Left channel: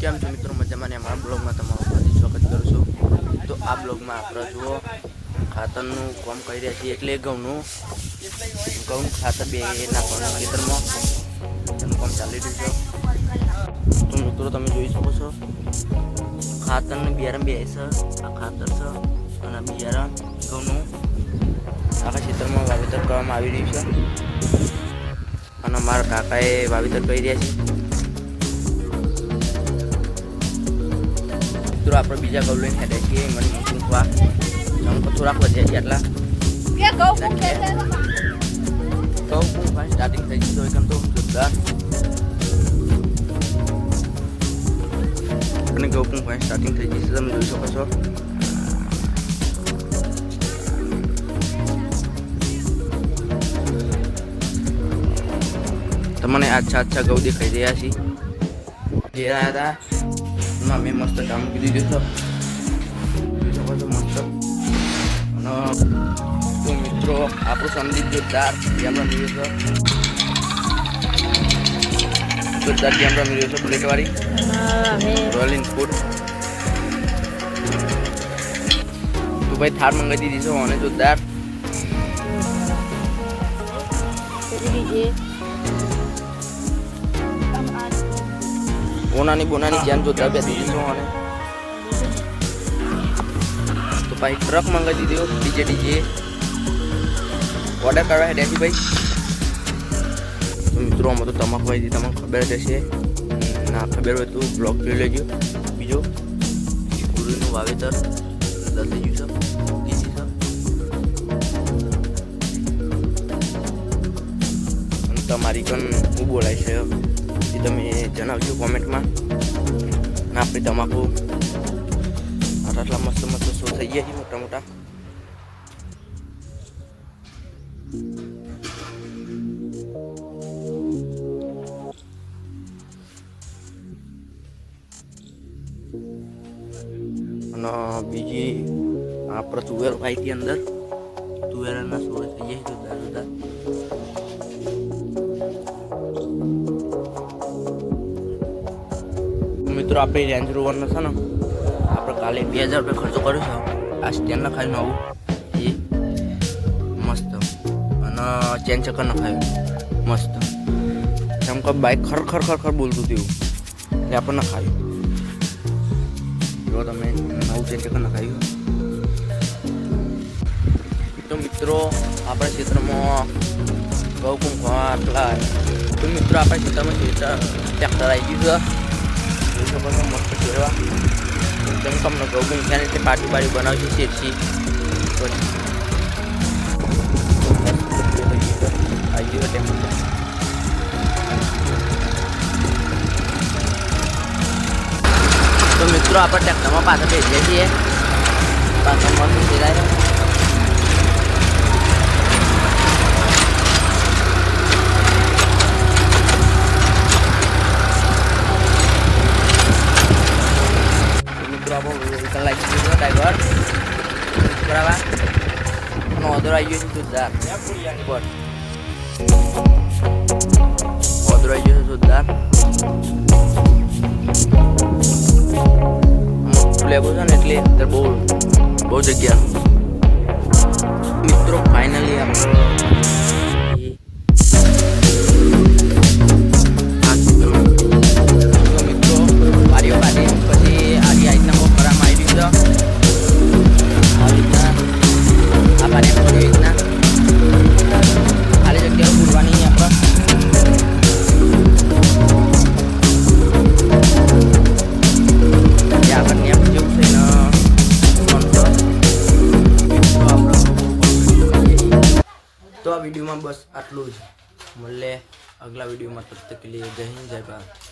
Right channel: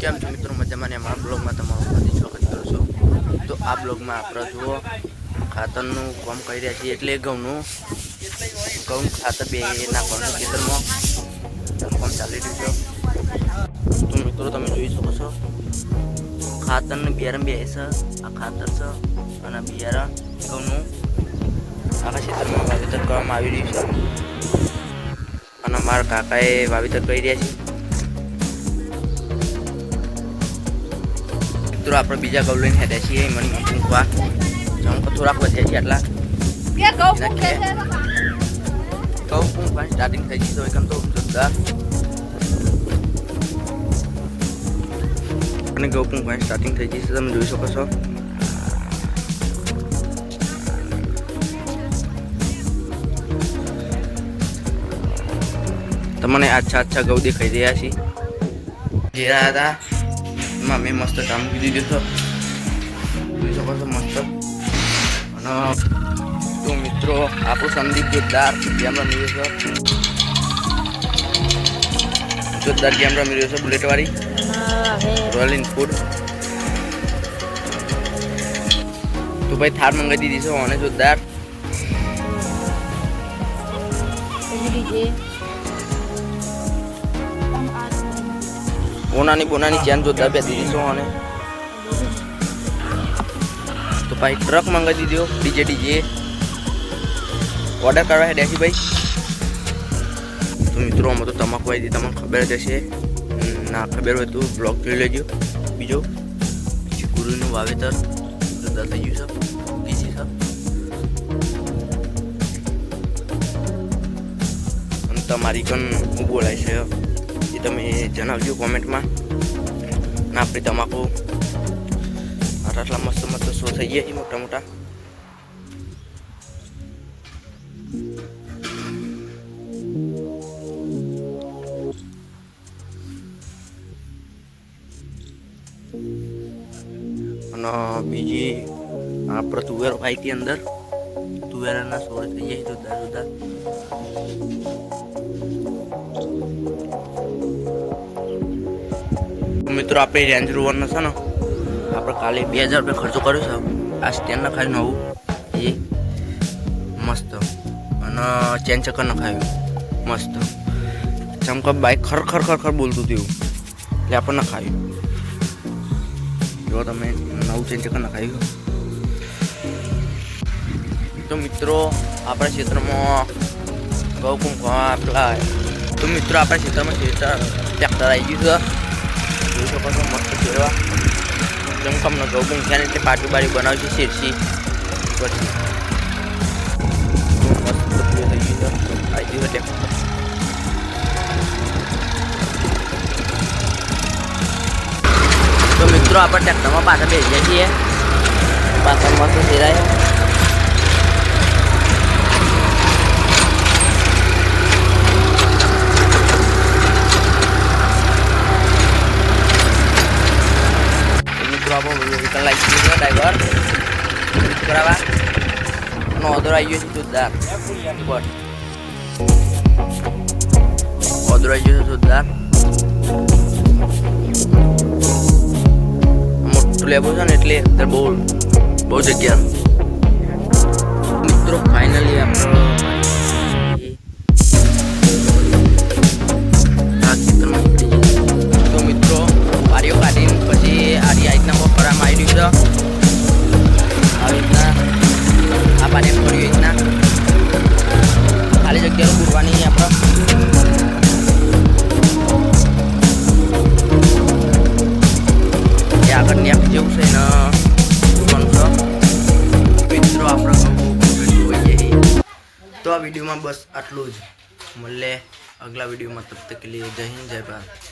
કેમ છો મિત્રો? મજામાં ને? અમારા બ્લોગમાં તમારું હાર્દિક સ્વાગત કરું છું। તો આ બ્લોગમાં આપણે જુઓ ખાતરનું કામ કરી રહ્યા છીએ, એટલે ઘઉં ખાતર બે નાખવાનું ખેતરમાં એનું કામ ચાલી રહ્યું છે। તો મિત્રો તમે જોઈ શકો છો ખાતરનું બિયારણ બે છે, આ ખાતર છે અને બિયારણ ઘઉંનું આખા ખેતરમાં વાવેતર કરવામાં આવી રહ્યું છે અને મારા કાકાએ વાવેતર કરી રહ્યા છે। મિત્રો આપણે બીજા ઘઉં લઈને હેડ્યા છીએ મને મૂકવા જમકો થોડાક વધ્યા છે એટલા ઘઉં પૂંખવા સ્ટાર્ટિંગ થઈ ગયું એકદમ તો જોરદાર અને ઘઉં પૂંખવા સ્ટાર્ટિંગ થઈ ગઈ છે, તમે જોઈ શકો છો। તમને આછા ઘઉં દેખાઈ રહ્યા છે જેરા હતા એમાં મેં મસ્ત કામ મૂકી દીધું છે, જોઈ શકો છો મસ્ત। અને તો મિત્રો આપણું સંદીપ જોરદાર ગેમ રમી રહ્યો છે, બુલેટ વાળી રોયલ એનફિલ્ડ। તો ભાઈ થાર મંગાવી દીધી છે અને જોરદાર બોનાની ચેન જોરદાર બે દીધી છે અને તો ભાઈ ટ્રક મંગાવી દીધો ડીજે ઓર્ડર કરવા હેડ્યા છે ભાઈ। તો મિત્રો આમાં તો તમાકુ આવી હતી, તમને ખબર જ હશે, ના ખબર હોય તો બ્લોગ જોઈ લેજો। બીજો ગુરુનું વાવેતર જોરદાર થઈ ગયું છે, ઉગી છે અને તમારી પણ શું બોલાય છે એ તમે જણાવજો કોમેન્ટમાં। અને આપણે તમાકુ આટલા મસ્ત શો થઈ ગયા છે મોટા અને બીજી આપણે તુવેર વાઈથી અંદર તુવેરના સોળ થઈ જાય જુદા મિત્રો આપણે રેન્જ રોવરનો છે ને આપણે કાલે 2000 રૂપિયા ખર્ચો કર્યો છે આ સ્ટેન્ડ નખાયું નવું એ મસ્ત અને ચેન ચક્કર નખાયું મસ્ત ચમકા બાઇક ખર બોલતું હતું એટલે આપણે નખાયું જો તમે નવું ચેન ચક્કર નખાયું। તો મિત્રો આપણા ક્ષેત્રમાં ઘઉં કુંકવા પેલા તો મિત્રો આપણા ક્ષેત્રમાં ટ્રેક્ટર આવી ગયું છે, જોઈ શકો છો મસ્ત ફેરવા એકદમ કમને ઘઉં મૂક્યા એટલે પાટી બારી બનાવશે શેરથી પછી મસ્ત થઈ ગયું છે આવી ગયું ટ્રેક્ટર। તો મિત્રો આપણે ટ્રેક્ટરમાં પાછા બેસીએ છીએ, પાછળ મસ્ત ફેરાય આપણો વ્હીકલ લાગી ગયું છે ડ્રાઈવર બરાબર અને ઓર્ડર આવી ગયો છે જોરદાર ઓર્ડર આવી ગયો છે જોરદાર મોટું લેવું છે ને એટલે અત્યારે બહુ જગ્યા। મિત્રો ફાઇનલી આપણો તો મિત્રો વારીઓ કાઢીને પછી આરી રીતના બહુ કરવામાં આવી રહ્યું છે, આવી રીતના આ પાણી એમ કર્યું રીતના ખાલી જગ્યાઓ પૂરવાની આપણે જે આગળ નેપ જેવું છે ને પૂરવાનું છે। મિત્રો આપણે બહુ કમ્પ્લીટ હોઈ જઈએ તો આ વિડીયોમાં બસ આટલું જ, મળે અગલા વિડીયોમાં, તબ તક કે લીએ જય હિન્દ જય ભારત।